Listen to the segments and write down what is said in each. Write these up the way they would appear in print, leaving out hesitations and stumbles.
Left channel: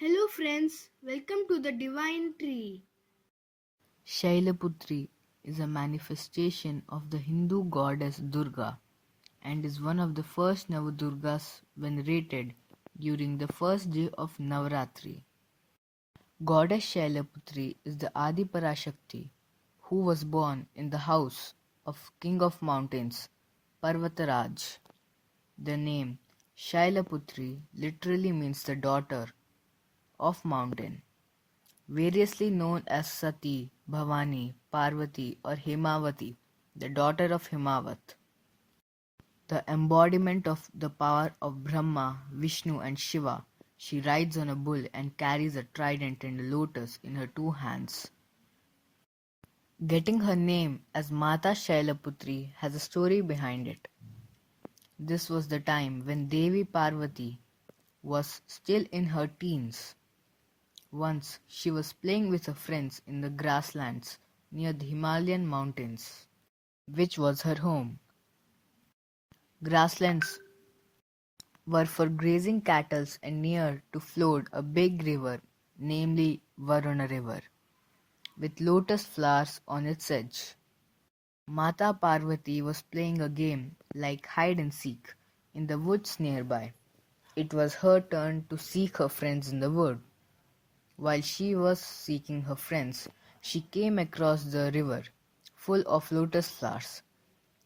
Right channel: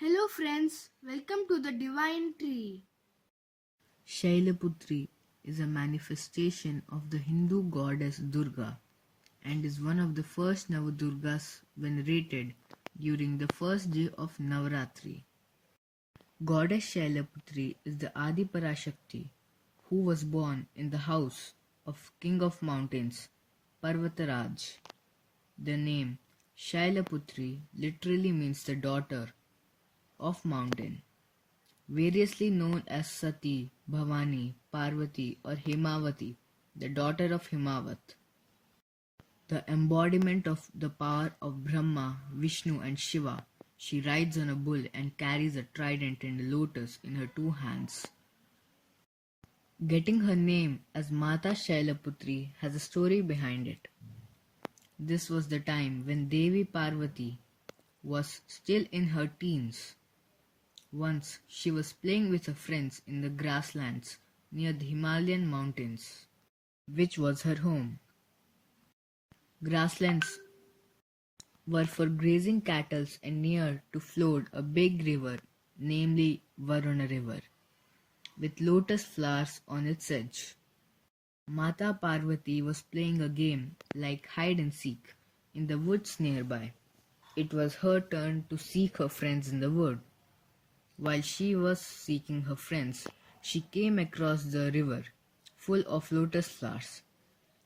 Hello friends, welcome to the Divine Tree. Shailaputri is a manifestation of the Hindu goddess Durga and is one of the first Navdurgas venerated during the first day of Navratri. Goddess Shailaputri is the Adi Parashakti who was born in the house of King of Mountains, Parvataraj. The name Shailaputri literally means the daughter of mountain, variously known as Sati, Bhavani, Parvati, or Himavati, the daughter of Himavat, the embodiment of the power of Brahma, Vishnu, and Shiva. She rides on a bull and carries a trident and a lotus in her two hands. Getting her name as Mata Shailaputri has a story behind it. This was the time when Devi Parvati was still in her teens. Once she was playing with her friends in the grasslands near the Himalayan mountains, which was her home. Grasslands were for grazing cattle and near to flowed a big river, namely Varuna River, with lotus flowers on its edge. Mata Parvati was playing a game like hide and seek in the woods nearby. It was her turn to seek her friends in the wood. While she was seeking her friends, she came across the river, full of lotus flowers.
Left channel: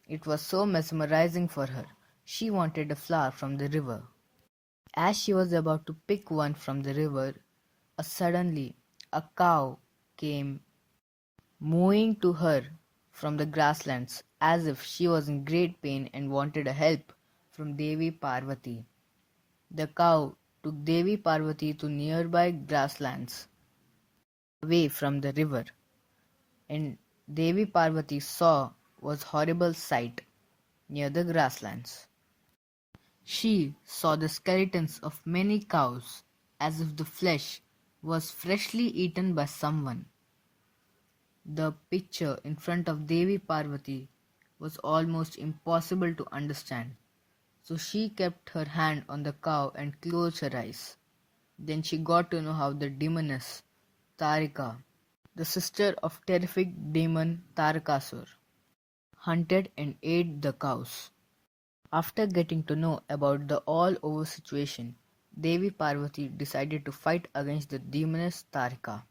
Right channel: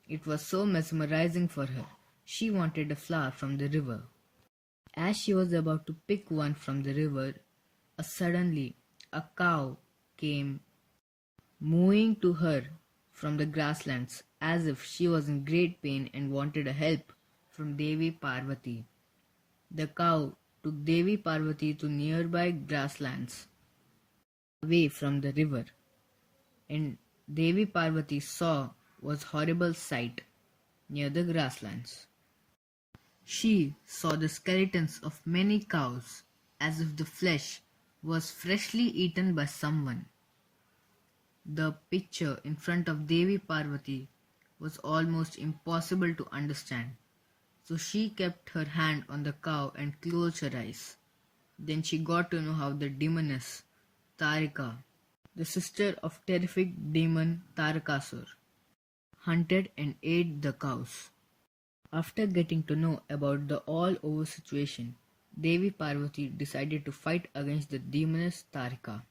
It was so mesmerizing for her. She wanted a flower from the river. As she was about to pick one from the river, suddenly a cow came mooing to her from the grasslands as if she was in great pain and wanted a help from Devi Parvati. The cow took Devi Parvati to nearby grasslands away from the river, and Devi Parvati saw was horrible sight near the grasslands. She saw the skeletons of many cows as if the flesh was freshly eaten by someone. The picture in front of Devi Parvati was almost impossible to understand, so she kept her hand on the cow and closed her eyes. Then she got to know how the demoness Tarika, the sister of terrific demon Tarakasur, hunted and ate the cows. After getting to know about the all-over situation, Devi Parvati decided to fight against the demoness Tarika.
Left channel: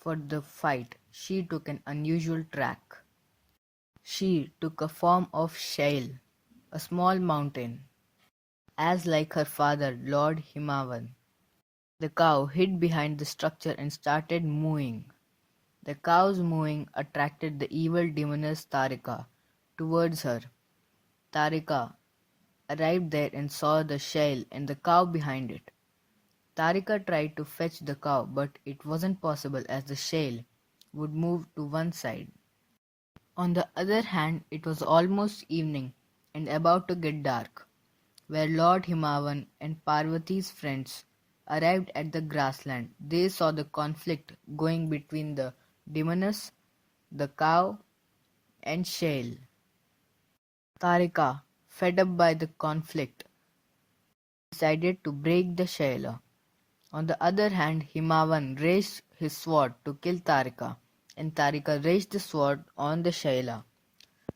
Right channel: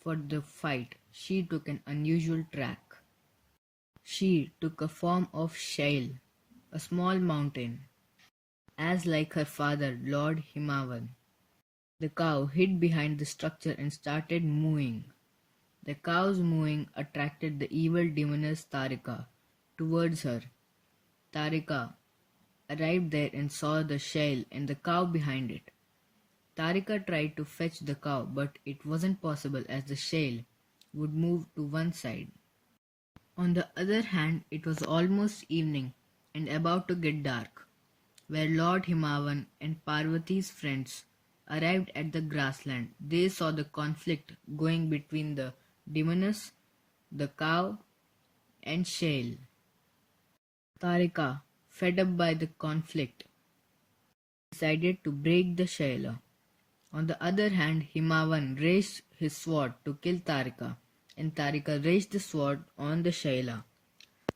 For the fight, she took an unusual track. She took a form of Shail, a small mountain, as like her father, Lord Himavan. The cow hid behind the structure and started mooing. The cow's mooing attracted the evil demoness Tarika towards her. Tarika arrived there and saw the shell and the cow behind it. Tarika tried to fetch the cow, but it wasn't possible as the shell would move to one side. On the other hand, it was almost evening and about to get dark, where Lord Himavan and Parvati's friends arrived at the grassland. They saw the conflict going between the demoness, the cow, and Shail. Tarika, fed up by the conflict, decided to break the Shaila. On the other hand, Himavan raised his sword to kill Tarika, and Tarika raised the sword on the Shaila.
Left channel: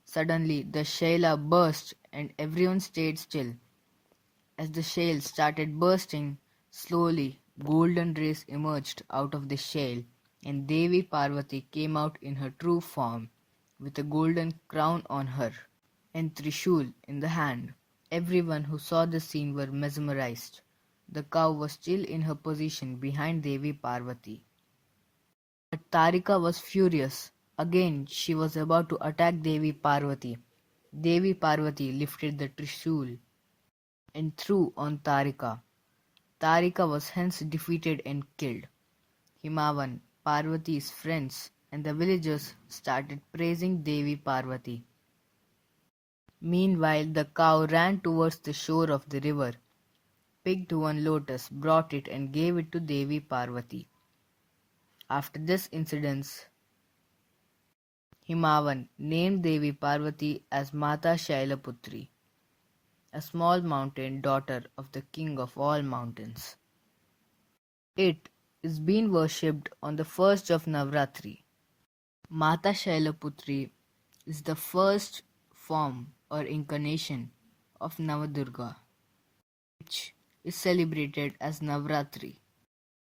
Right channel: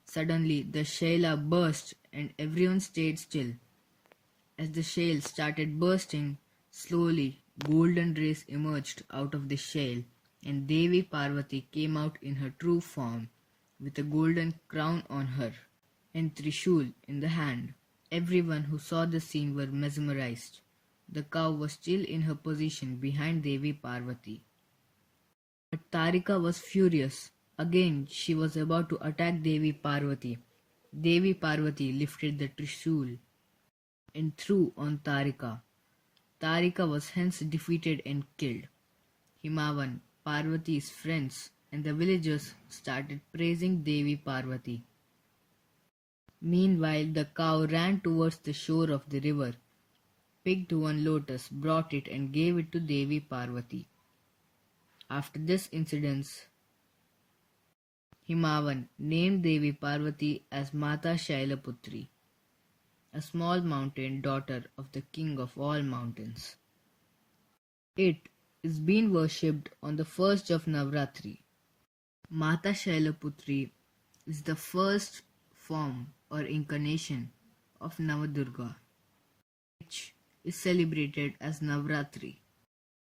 Suddenly, the Shaila burst and everyone stayed still. As the shell started bursting, slowly golden rays emerged out of the shell, and Devi Parvati came out in her true form, with a golden crown on her and trishul in the hand. Everyone who saw the scene were mesmerized. The cow was still in her position behind Devi Parvati. But Tarika was furious. Again she was about to attack Devi Parvati. Devi Parvati lifted the trishul and threw on Tarika. Tarika was hence defeated and killed. Himavan, Parvati's friends, and the villagers started praising Devi Parvati. Meanwhile, the cow ran towards the shore of the river, picked one lotus, brought it, and gave it to Devi Parvati. After this incident, Himavan named Devi Parvati as Mata Shailaputri, a small mountain daughter of the king of all mountains. It is being worshipped on the first of Navratri. Mata Shailaputri is the first form or incarnation of Navdurga, which is celebrated as Navratri.